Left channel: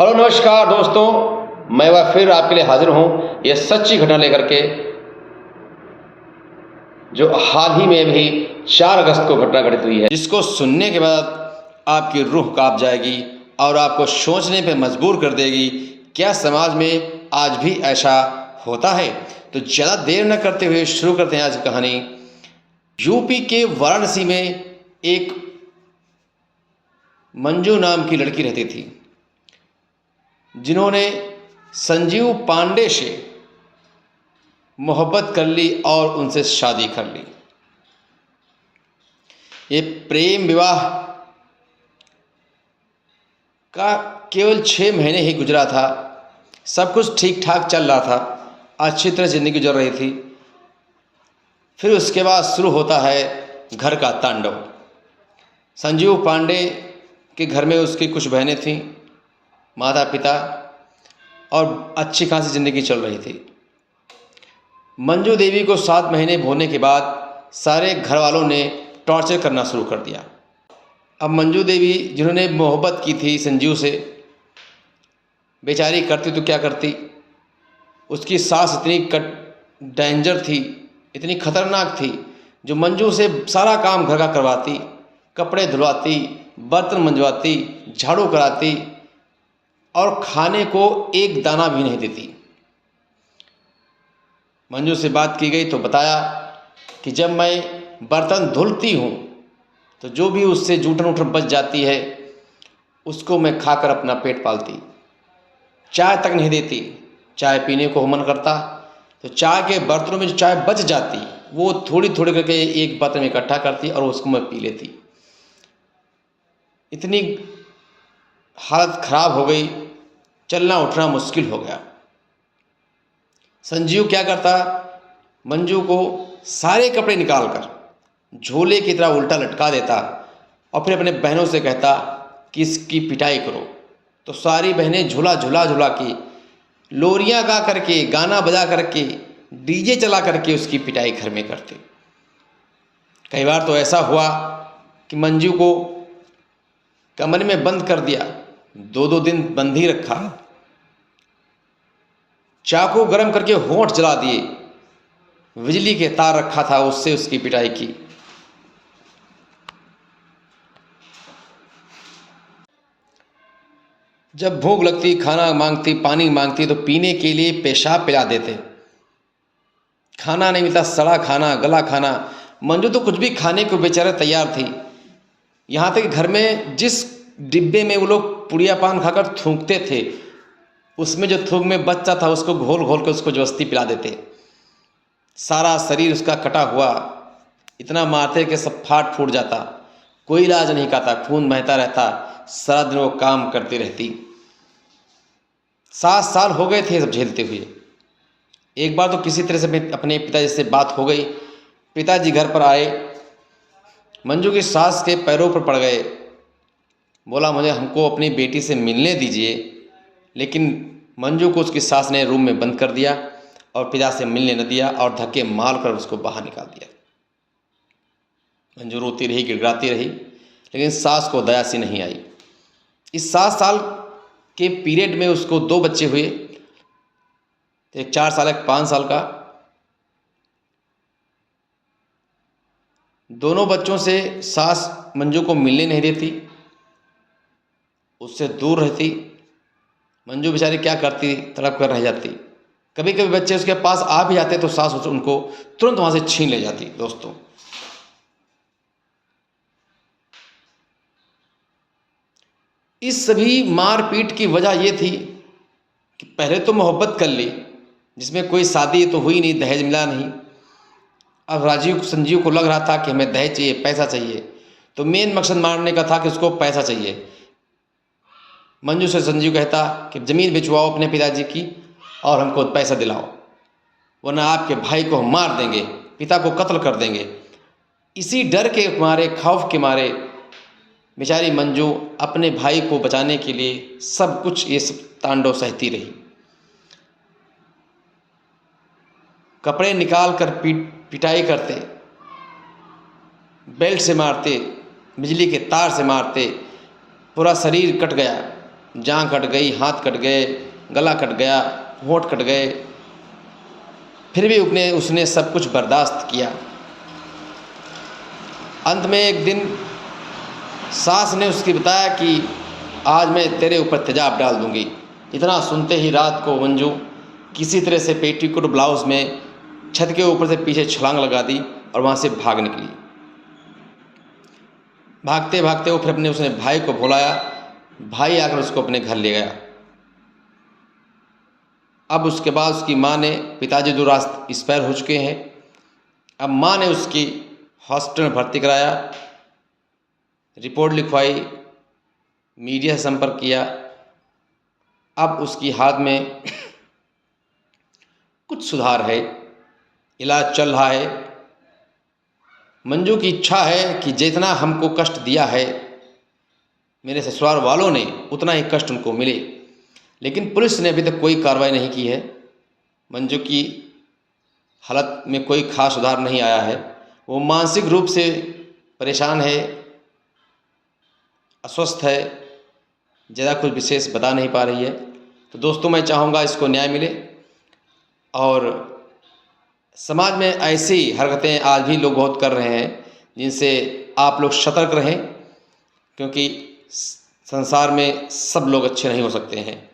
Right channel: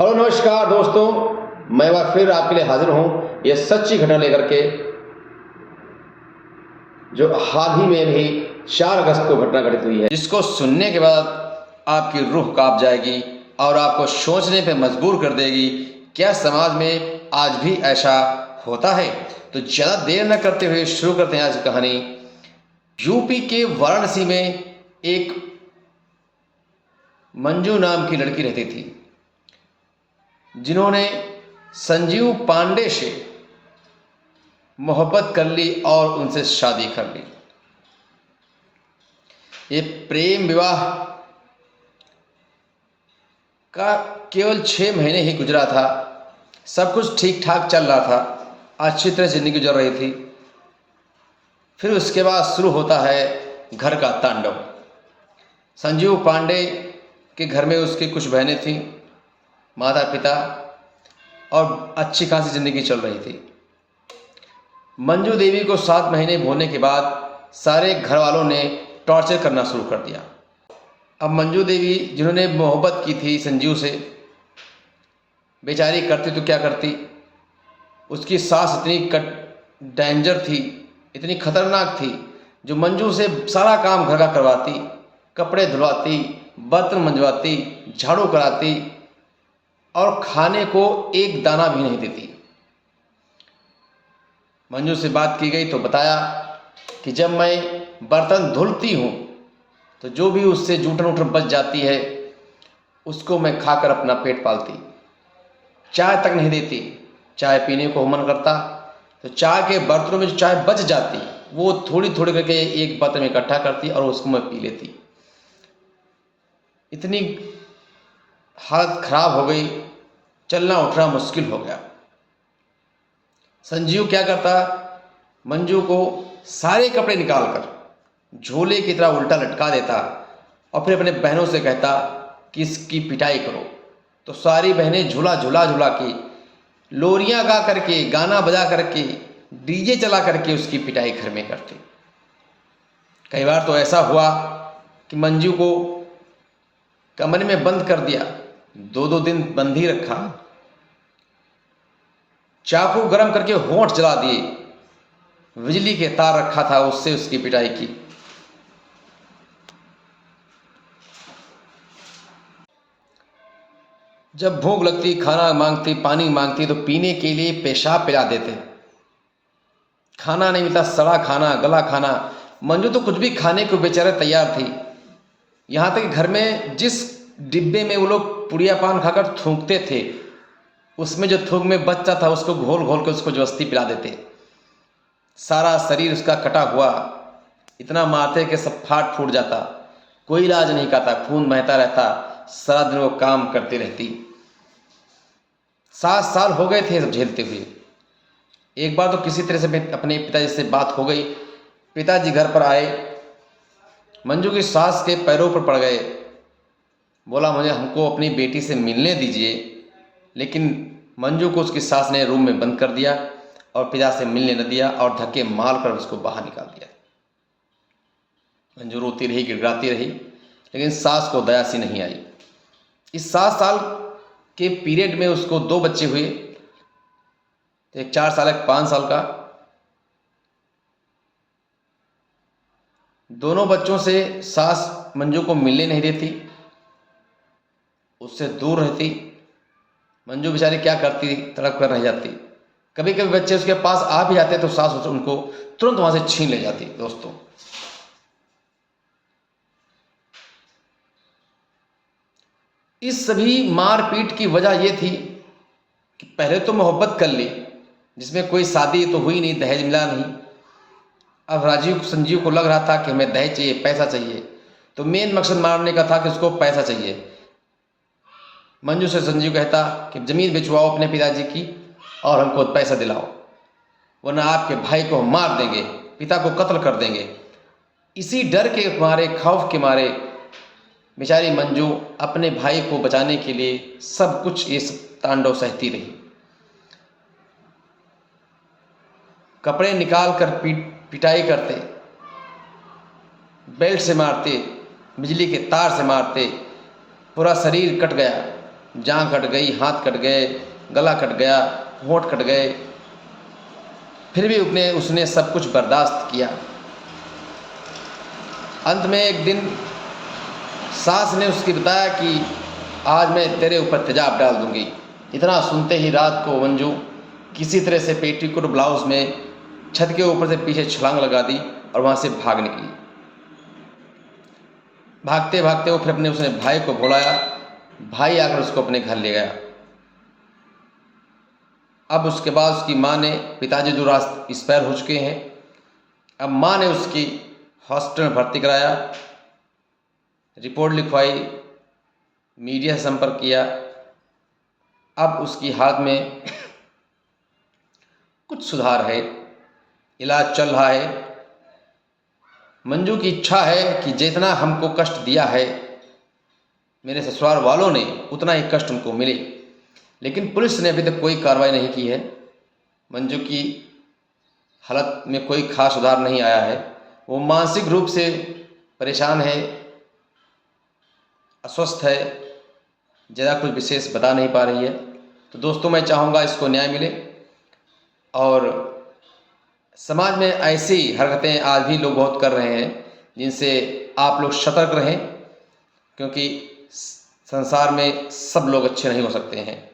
Hello नमस्कार दोस्तों, मैं वह फिर आपके लिए हाजिर हूँ यह सच्ची घटना लेकर के, जो हाल ही में भी 4 अगस्त को घटना घटित हुई है, जिसको सुनने के बाद आपकी रूह कांप जाएगी और आपको सोचने पे मजबूर कर देगी, क्या समाज में आज भी ऐसा होता है। तो ज़्यादा देर न करते हुए शुरू करते हैं आज की कहानी। यूपी के वाराणसी में एक मंजू नाम की लड़की रहती थी, जिन्होंने संजीव पांडे से मोहब्बत कर ली और उनसे शादी कर ली। ये प्रेम विवाह का केवल 6 महीने ही गुजरा था। सब कुछ ठीक ठाक चल रहा था, अच्छी तरह ज़िंदगी गुजर रही थी। फिर उसके बाद शुरू होता है घर का तांडव। संजीव पांडे के घर में उसकी कुछ बहनें थीं, माता पिता, और अच्छी खासी ज़िंदगी चल रही थी। मंजू देवी को 7 महीने होने के बाद सारे घर वालों ने टॉर्चर करना शुरू कर दिया। अब मंजू देवी, जिन्होंने मोहब्बत की थी संजीव से, बेचारी करती तो क्या करती। उसकी सास इतनी डेंजर थी, इतनी खतरनाक थी, जो मंजू से सारा काम घर का करवाती, कपड़े धुलवाती, बर्तन मंजवाती, झाड़ू कराती और खाने को एक दाना भी नहीं देती। मंजू से बात की गई तो बताया कि जब मैं बर्तन धुलती हूँ तो जो भी उससे जूठन उठन बच जाती है उसको मैं खाकर अपना पेट पालती। चाय तक नहीं देती। चाय पीने को मन करता तो चाय के बर्तनों में जो चाय बच जाती वो थोड़ी थोड़ी करके एक बर्तन में इकट्ठा करती और उसको मैं पी लेती। इतनी हालत खराब हो गई, चलना उठना मुश्किल हो गया। संजीव क्या करता, मंजू को सारे कपड़े निकालकर झोले की तरह उल्टा लटका देता और फिर अपने बहनों से कहता कि इसकी पिटाई करो। तो सारी बहनें झूला झूला झूला के, लोरियां गा करके, गाना बजा करके, डीजे चला करके उसकी पिटाई घर में करते। कई बार तो ऐसा हुआ कि मंजू को कमरे में बंद कर दिया, 2-2 दिन बंद ही रखा, चाकू गरम करके होंठ जला दिए, बिजली के तार रखा था उससे उसकी पिटाई की। जब भूख लगती, खाना मांगती, पानी मांगती तो पीने के लिए पेशाब पिला देते। खाना नहीं मिलता, सड़ा खाना, गला खाना। मंजू तो कुछ भी खाने को बेचारा तैयार थी। यहाँ तक कि घर में जिस डिब्बे में वो लोग पुड़िया पान खाकर थूकते थे, उसमें जो थूक में बच्चा था उसको घोल घोल कर उसको जबरदस्ती पिला देते। सारा शरीर उसका कटा हुआ, इतना मारते कि सब फाट फूट जाता। कोई इलाज नहीं करता, खून बहता रहता, सारा दिन वो काम करती रहती। 7 साल हो गए थे सब झेलते हुए। एक बार तो किसी तरह से अपने पिताजी से बात हो गई। पिताजी घर पर आए, मंजू की सास के पैरों पर पड़ गए। बोला, मुझे हमको अपनी बेटी से मिलने दीजिए। लेकिन मंजू को उसकी सास ने रूम में बंद कर दिया और पिता से मिलने न दिया और धक्के मार कर उसको बाहर निकाल दिया। मंजू रोती रही, गिड़गिड़ाती रही, लेकिन सास को दया सी नहीं आई। इस 7 साल के पीरियड में उसको 2 बच्चे हुए, एक 4 साल, एक 5 साल का। दोनों बच्चों से सास मंजू को मिलने नहीं देती, उससे दूर रहती। मंजू बेचारी क्या करती, तड़प कर रह जाती। कभी कभी बच्चे उसके पास आ भी जाते तो सास उनको तुरंत वहां से छीन ले जाती। दोस्तों, इस सभी मारपीट की वजह यह थी कि पहले तो मोहब्बत कर ली, जिसमें कोई शादी तो हुई नहीं, दहेज मिला नहीं। अब संजीव को लग रहा था कि हमें दहेज चाहिए, पैसा चाहिए। तो मेन मकसद मारने का था कि उसको पैसा चाहिए। मंजू से संजीव कहता कि ज़मीन बेचवाओ अपने पिताजी की और हमको पैसा दिलाओ, वरना आपके भाई को हम मार देंगे, पिता को कत्ल कर देंगे। इसी डर के मारे, खौफ के मारे बेचारी मंजू अपने भाई को बचाने के लिए सब कुछ ये सब तांडव सहती रही। कपड़े निकाल कर पिटाई करते, बेल्ट से मारते, बिजली के तार से मारते, पूरा शरीर कट गया। जान कट गई, हाथ कट गए, गला कट गया, होंठ कट गए, फिर भी उसने सब कुछ बर्दाश्त किया। अंत में एक दिन सास ने उसकी बताया कि आज मैं तेरे ऊपर तेजाब डाल दूंगी। इतना सुनते ही रात को मंजू किसी तरह से पेटीकोट ब्लाउज में छत के ऊपर से पीछे छलांग लगा दी और वहाँ से भाग निकली। भागते भागते वो फिर उसने भाई को बुलाया। भाई आकर उसको अपने घर ले गया। अब उसके बाद उसकी माँ ने, पिताजी दूरास्त एक्सपायर हो चुके हैं, अब माँ ने उसकी हॉस्पिटल में भर्ती कराया, रिपोर्ट लिखवाई, मीडिया से संपर्क किया। अब उसकी हालत में कुछ सुधार है, इलाज चल रहा है। मंजू की इच्छा है कि जितना हमको कष्ट दिया है मेरे ससुराल वालों ने, उतना ही कष्ट उनको मिले, लेकिन पुलिस ने अभी तक कोई कार्रवाई नहीं की है। मंजू की हालत में कोई खास सुधार नहीं आया है। वो मानसिक रूप से परेशान है, अस्वस्थ है, ज़्यादा कुछ विशेष बता नहीं पा रही है। तो दोस्तों, मैं चाहूँगा इसको न्याय मिले और समाज में ऐसी हरकतें आज भी लोग बहुत कर रहे हैं, जिनसे आप लोग सतर्क रहें, क्योंकि संसार में सब लोग अच्छे नहीं हो सकते हैं।